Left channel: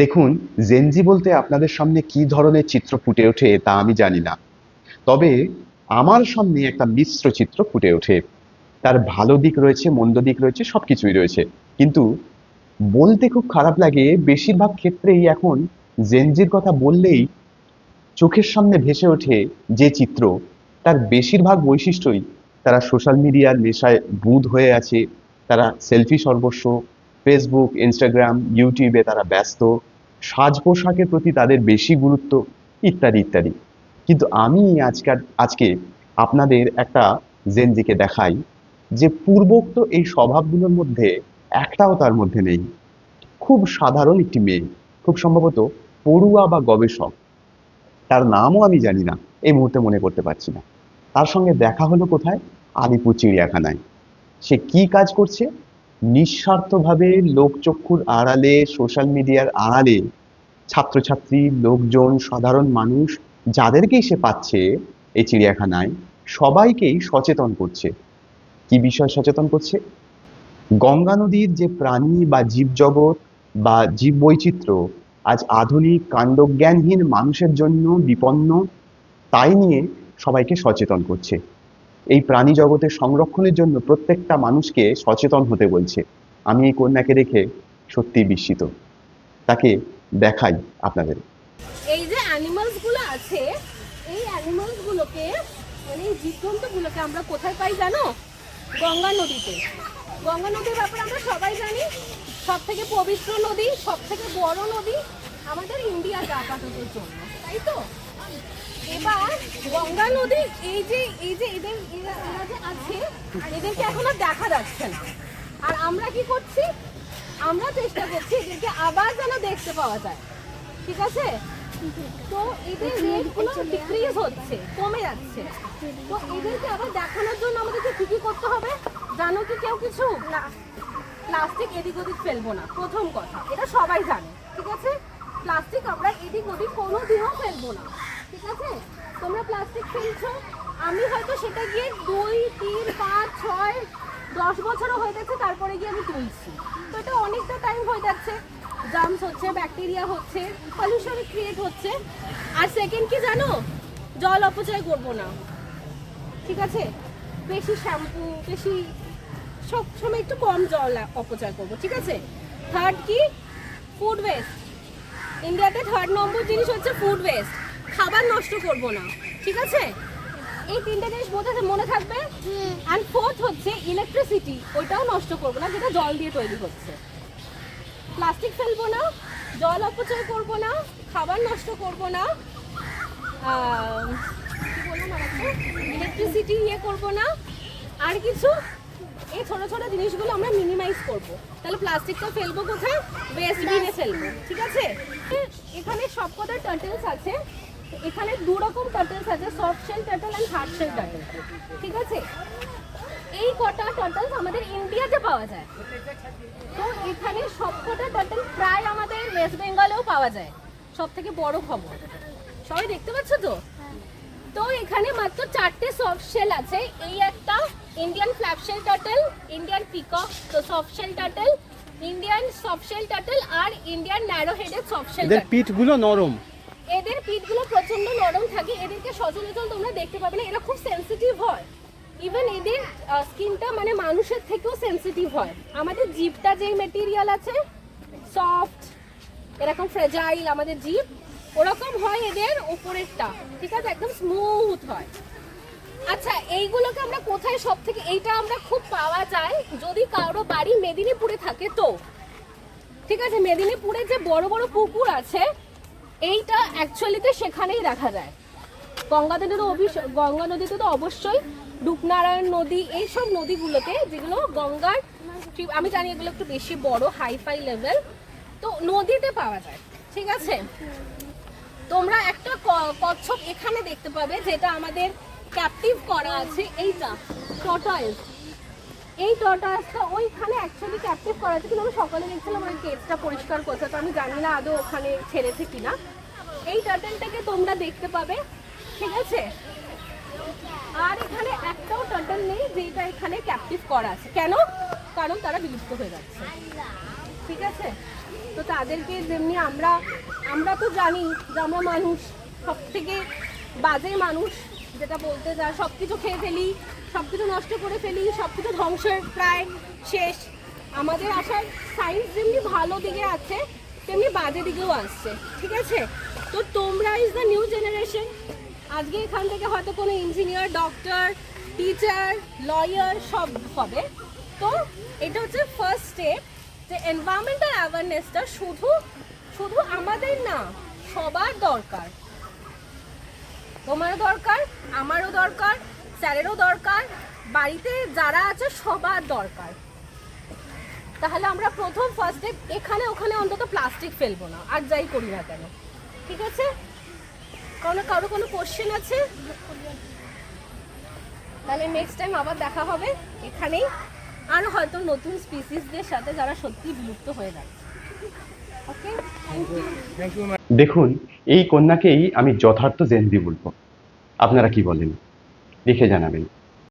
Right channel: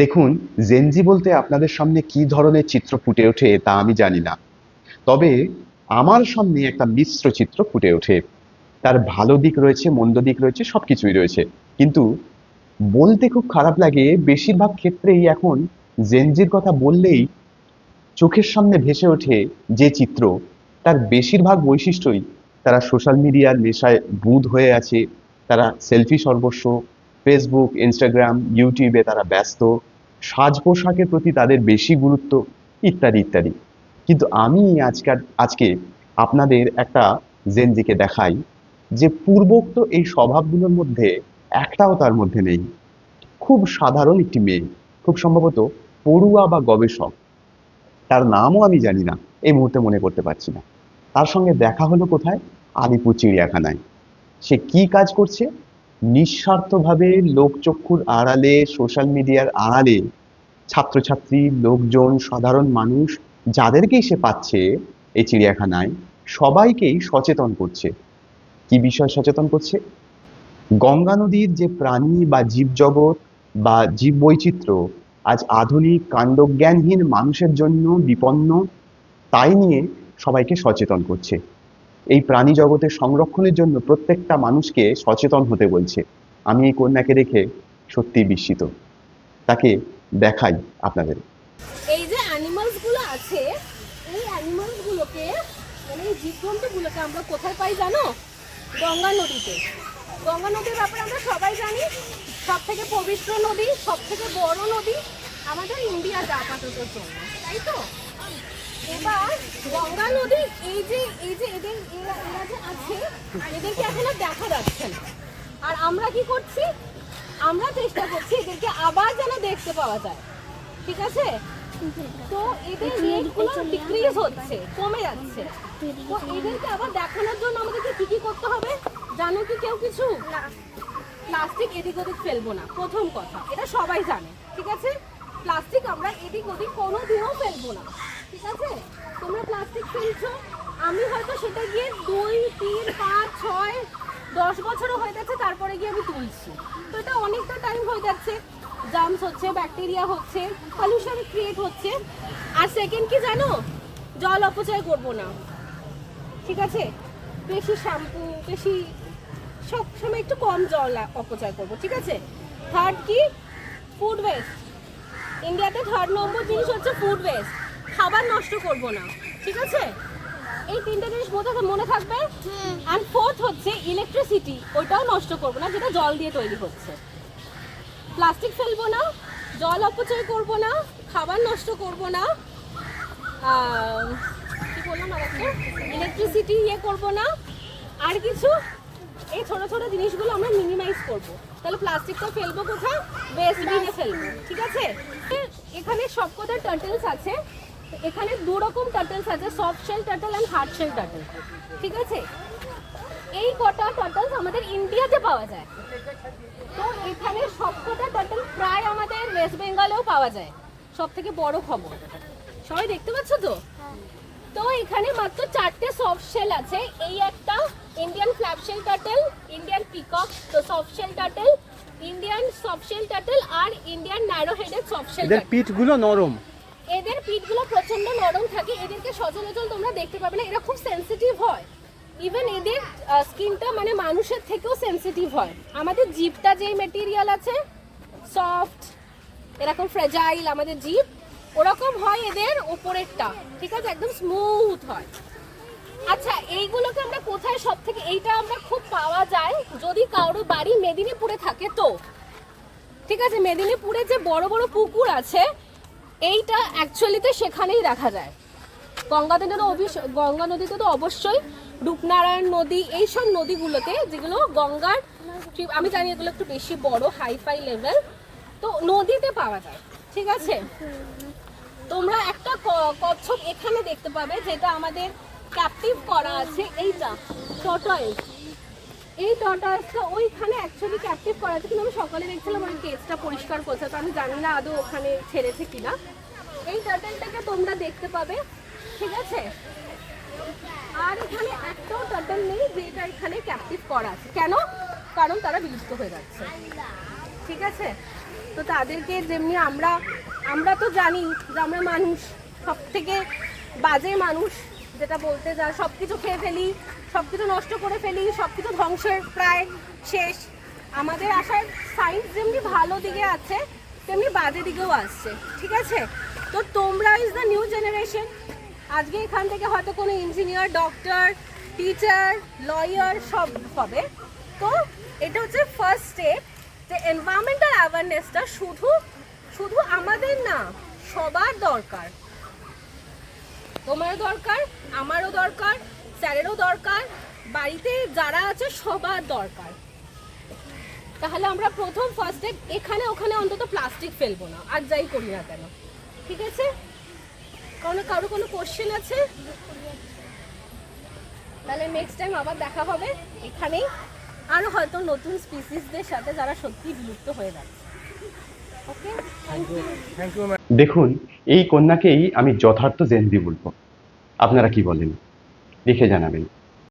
দেখুন, জেনজি বলতে আপনাদের সামনে কি ধরনের চিত্র ফুটে ওঠে তা আমি জানি না। তবে আমার সামনে একটা মিশ্র চিত্র ফুটে ওঠে। তার ভালো দিক রয়েছে, মন্দ দিক রয়েছে, সবকিছুই রয়েছে। কিন্তু বলতে খুব খারাপ লাগে, বেশিরভাগ ক্ষেত্রেই এখন জেনজির কথা বললেই চোখের সামনে ভেসে ওঠে যে চিত্র, তার বেশিরভাগ বৈশিষ্ট্যই তারা সোশ্যাল মিডিয়ার নেশায় বুঁদ হয়ে আছে। তারা সেলফি সর্বস্ব, ফেসবুক, ইনস্টাগ্রাম, ইউটিউবে তারা ব্যস্ত, সাজ পোশাকের প্রতি তাদের বেশি গুরুত্ব, ইত্যাদি ইত্যাদি। কিন্তু আমি আজকে আপনাদের একটা জেনজিকে দেখাই যে পূর্বোক্ত এই স্বভাবগুলোর মধ্যে একটাও তার মধ্যে নেই। খুব সাধারণ একটি মেয়ে, খুব সম্ভবত পড়ুয়া বা গবেষক, তার নামও আমি জানি না, এই মুহূর্তে মনে করতে পারছি না। তার সঙ্গে দেখা হলো কোথায়? আলিপুর চিড়িয়াখানায়। সে কি কাজ করছে? নিঃস্বার্থভাবে লোকচক্ষুর আড়ালে, সোশ্যাল মিডিয়ার আড়ালে ছাত্রছাত্রী, লোকজন, সাধারণ মানুষ যাদেরকেই সে পাচ্ছে এই চিড়িয়াখানায়, সবাইকেই সচেতন করছে। কি বিষয় সচেতন করছে? গঙ্গা নদীর যে প্রাণী বা জীবজগৎ বা জীববৈচিত্র্য আজ আধুনিক কাণ্ডজ্ঞানহীন মানুষের জন্য বিপন্ন, তাই নিয়ে সবাইকে সচেতন করছে। এই প্রাণী জগতের সংরক্ষণের জন্য প্রত্যেকটা মানুষকে সচেতন হতে বলছে। আমি এই কন্যাকে দেখে সত্যিই বিস্মিত। তাকে দেখাই আপনাদের। এই যে অ্যানিমালস গুলো আছে, এই অ্যানিমালস গুলোকে মানে এই জীবজন্তুগুলোকে আমরা কোথায় পাই জানো? গঙ্গা নদীতে। গঙ্গা নদীর ব্যাপারে আমরা সবাই জানি, সব থেকে পবিত্র নদী, সব থেকে বড় নদী আমাদের ইন্ডিয়া যাতায়াতের জন্য, তাই তো? এবার গঙ্গা নদী এই যে এরা যে আছে, এদেরকে এখন আর দেখা যাচ্ছে না। আর আমরা কি করছি? আমরা চেষ্টা করছি এদেরকে আবার যেন দেখতে পাওয়া যায়। ঠিক আছে? তো এদের রেট গুলো ডিক্রিজ হচ্ছে, কমে যাচ্ছে। তো এদেরকে আবার দেখানোর জন্য আমাদেরকে কি কি করতে হবে জানো কি কেউ কিছু? না, প্লাস্টিক এদিক ওদিক ফেলবো না, প্রথম কথা, এটা সবাই জানে। ঠিক আছে? প্লাস্টিক আমরা এদিক ওদিক কোনোদিনও ফেলবো না। ঠিক আছে? তোমরা প্লাস্টিক ফেলছো, আমি হয়তো সেটা গিয়ে 2, 3, 5, 6, 10 বছরও হয়ে যাচ্ছে, তারপরে গিয়ে আমি তুলছি। তো এটা অনেকটা টাইম হয়ে যাচ্ছে, জার্মস হচ্ছে, ব্যাকটেরিয়া হচ্ছে, পলিউশন ক্রিয়েট হচ্ছে। আর সেকেন্ড কি জানো? জল অপচয় করব না। ঠিক আছে? বেশি শ্যাম্পু, বেশি সব সময় একটু কম জল অপচয় করব। ঠিক আছে? থার্ড কি? Food waste. ইন্ডিয়াতে 3rd নম্বর জিনিস হচ্ছে ফুড ওয়েস্ট। খাবার নষ্ট করব না। ঠিক আছে? এই তিনটে জিনিস মনে থাকবে। অ্যান্ড ফোর্থ হচ্ছে ইলেকট্রিসিটি, ওইটাও নষ্ট করব না যেটা জল দিয়ে তৈরি হচ্ছে। প্লাস্টিক ফেলবো না, জল অপচয় করব না, খাবার নষ্ট করব না, ইলেকট্রিসিটি করব না। আর কিছু? এই ছোট ছোট জিনিসগুলো আমরা মিনিমাইজ করব। তাহলে প্লাস্টিকটা ফেলবো কোথায়? ওয়েস্ট বিনে ফেলবো। ঠিক আছে? এখানে সবকটা টার্টলস আছে। এখানে 2 রকম টার্টলস আছে, soft shell turtle and hard shell turtle. ঠিক আছে? এই কটা টার্টলস আমাদের ইন্ডিয়াতে পাওয়া যায়। তো এখানে সবকটা টার্টল প্রায় আমাদের ওয়েস্ট বেঙ্গলেও পাওয়া যায়। সব থেকে বড় খবর, সবাই দেখতে পাচ্ছ তো? তো এখানে মাত্র 4টে সফট শেল আছে। এই একটা Indian flap shell turtle, Indian peacock তো soft shell turtle, Indian soft shell turtle আর Indian narrow headed soft shell. এদের পিঠগুলো নরম, এদের পিঠগুলো প্রচন্ড নরম থাকে। এদেরকে সচরাচর তোমরা দেখতে পাবে না, এরা খুব সেনসিটিভ হয়। ইভেন এদের স্কিনটা মানে মানুষের থেকেও সেনসিটিভ হয়। আমাদের জিভটা যেই মেটেরিয়াল আছে সফট, এরকম ফ্রেজাইল আমাদের জিভ, ওরকম হয় এদের উপরেরটা। ঠিক আছে? একদম স্মুথ হয়। আচ্ছা, এইগুলোকে আমরা কোথায় সব থেকে, এইটা আমরা খুব পাওয়া যায় যদি কারো বাড়ি মেদিনীপুরে থাকে তো। ঠিক আছে? মেদিনীপুরে যে বড় বড় পুকুর আছে, এইটা অ্যাকচুয়ালিতে সেখানেই দেখা যায়। গঙ্গা নদীতে তো অবশ্যই, রূপনারায়ণ নদী, এইসব নদীগুলোতে যেগুলো গঙ্গার, আমি জানি এগুলো একটু বেশি বড়, হাইফাই লেভেল, তো নদীতে পাওয়া যায়। ঠিক আছে? তোমরা একটা কচ্ছপ এখানে দেখতে পাবে যেটা আমাদের ক্যাপটিভ করা আছে, এইটা টর্টয়েস। এই টর্টয়েসটা ওইখানে অ্যাকচুয়ালি ক্যাপটিভ করা আছে, কিন্তু আমি সকালে দেখছিলাম ওই কেসটা পরিষ্কার করছে, তো আমি জানি না আদৌ ওখানে ছেড়েছে কিনা। এই টার্টলটাকে তোমরা দেখতে পাবে। ঠিক আছে? আর এখানে একটাও টার্টল নেই যেটা এখানে ক্যাপটিভ করা আছে। কেন? কারণ তারা বিলুপ্ত হয়ে যাচ্ছে। ঠিক আছে? তো তাদেরকে যেমনি আমরা আমরা তো জানি যে আমরা মানুষ, সব থেকে বাজে মানুষ, যেটা বলতে যা সব কিছু খেয়ে ফেলি, সব কিছু নষ্ট করে ফেলি, সব কিছু ধ্বংসের প্রায় শেষ। আমাদের আসার সায়েন্স যেমনি ভালো দিকে আছে তেমনি বাজে দিকেও আসছে, ঠিক আছে? তো তোমরা ইজ দ্য নিউ জেনারেশন। আজকে এখান থেকে হয়তো কোনো ইঞ্জিনিয়ার, ডক্টর, টিচার, লয়ার সব হবে। তো এটা হচ্ছে ফার্স্ট স্টেপ, যে এনভায়রনমেন্টাল অ্যাওয়ারনেসটা শুধু শুধু আমাদের না, সবার দরকার। তোমারও দরকার, আমারও দরকার, স্যারেরও দরকার, বাড়িতে যারা আছে সবার দরকার। তাহলে আমরা প্রথম ফার্স্ট স্টেপ, এখানে ওখানে অন্তত প্লাস্টিক ফেলবো না, আর যাই করি না কেন, ঠিক আছে? কারো কোনো কোশ্চেন আছে? তাহলে নেক্সট টাইম আবার দেখা হবে এখানেই, আর হয়তো নতুন স্পিসিসদের সাথে যারা সত্যি বিলুপ্ত হয়ে যাচ্ছে। Okay, thank you. Thank you. দেখুন, এই কন্যাকেই আমি যথার্থ জেনজি বলবো। আপনারা কি বলেন? লিখে জানাবেন।